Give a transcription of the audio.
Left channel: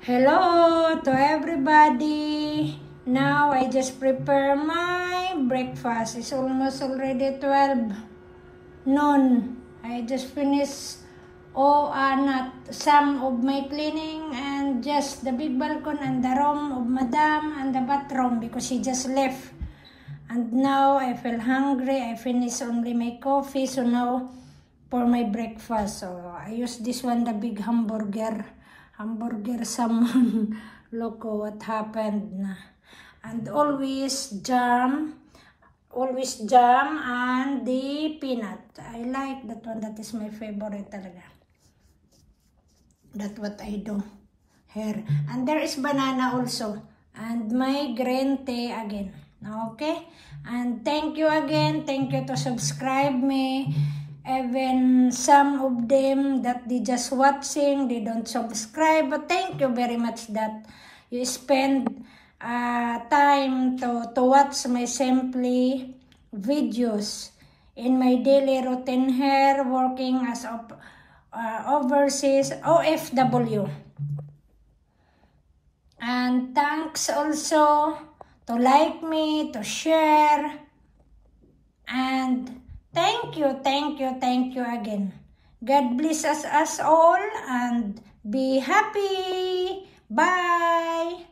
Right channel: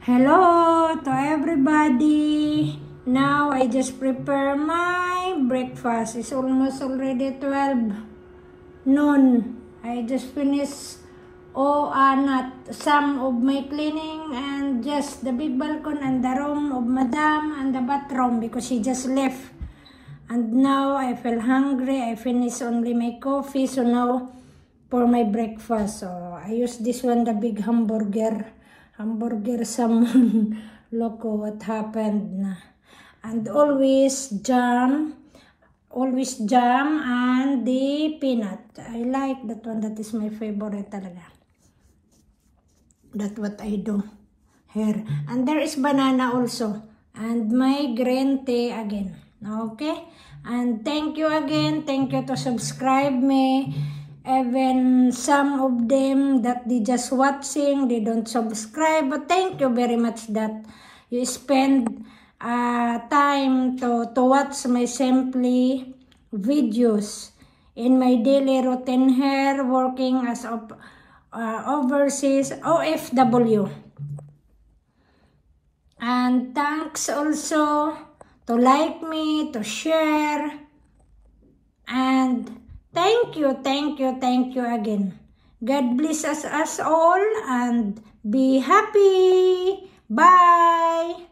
Hello to everybody. Now I just prepare my breakfast. It's almost already 12 noon. I just finished not some of my cleaning and just the big balcony and the room of Madam and the bathroom because she just left. And now I feel hungry. I finished only my coffee, so now for my breakfast. So I use this one, the big hamburger salmon. Look what happened na. And always jam and the peanut. I like that one. That is my favorite talaga. That's what I do here. And there is banana also. And my green tea again. Okay? And thank you again. Thank you to subscribe me. Even some of them that they just watching, they don't subscribe. But thank you very much that you spend time to watch my simply videos in my daily routine here, working as overseas OFW. And thanks also to like me, to share, and thank you again. God bless us all and be happy. Bye.